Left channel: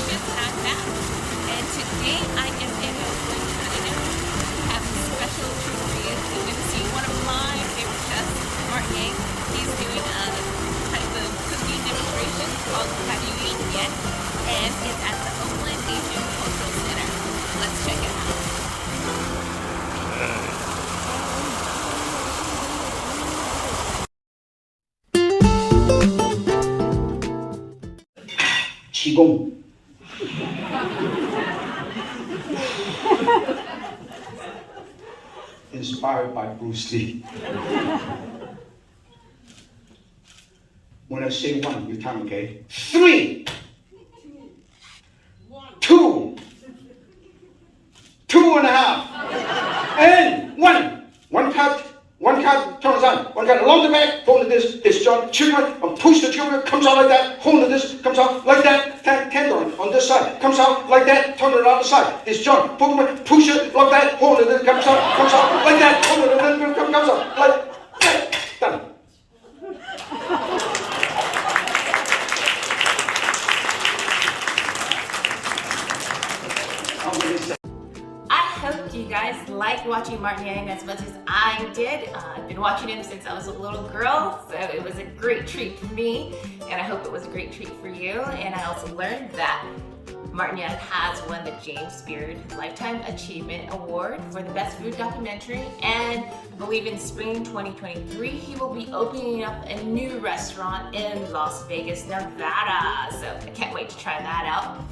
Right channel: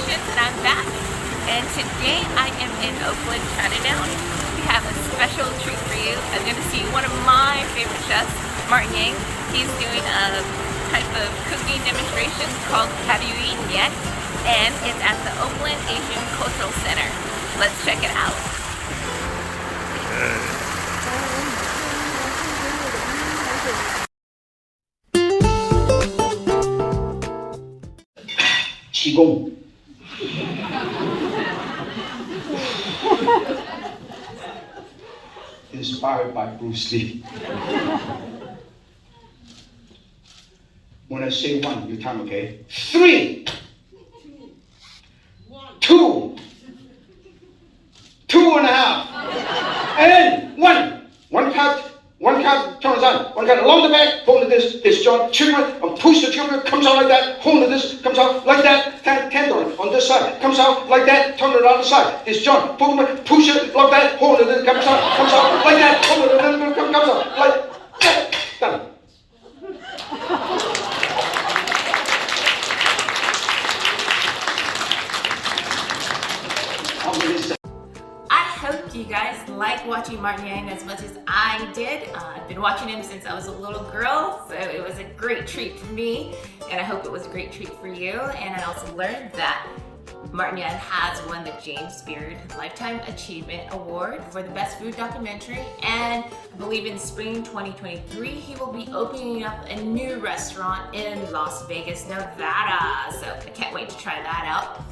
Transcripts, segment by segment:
Payshintz, and I'm back. And today I am in Oakland, Chinatown. We have a special treat for you. I'm going to see one of my favorite chefs, Martin Yang. He's doing a type of cooking demonstration called Have You Eaten Yet? And it's at the Oakland Asian Cultural Center. Let's check it out. Qigong. Inspired by Bruce Lee. When I say one, you count, okay? 3, 2, 2.5, and 1. One count, turns on. One count along the back, hold this joint, trigger, push the trigger, comes out like that, hold this, comes out like that, candle on this side, comes out like that, turn it on the side, this joint, push it like that, hold it, comes out like that, hold it, comes out like that, done. I hope you guys like watching Martin Yang as much as I did. I've been watching him since I was a little girl, so it was a great treat for me, and I hope it was a great treat for you. And I also learned that Martin Yang has won the James Beard Lifetime Achievement Award for the Best Food Documentary, and I believe in spring 2023 he will be opening up a new restaurant in Las Vegas, Nevada. So I can't wait to try that out.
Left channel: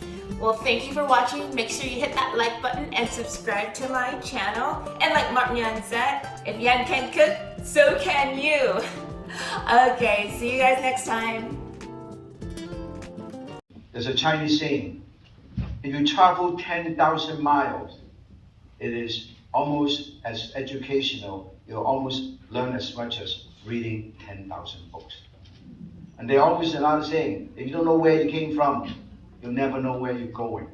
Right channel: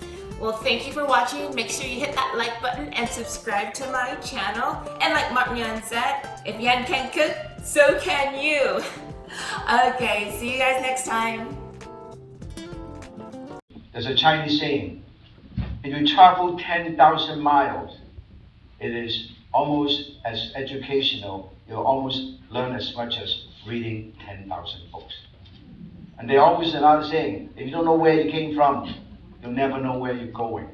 Well, thank you for watching. Make sure you hit that like button and subscribe to my channel. And like Martin Yang said, if Yan can cook, so can you. Okay, see you guys next time. There's a Chinese saying, if you travel 10,000 miles, it is almost as educational. You'll almost learn as much as reading 10,000 books. And there's always another saying, if you don't know where you came from, you'll never know where you're going.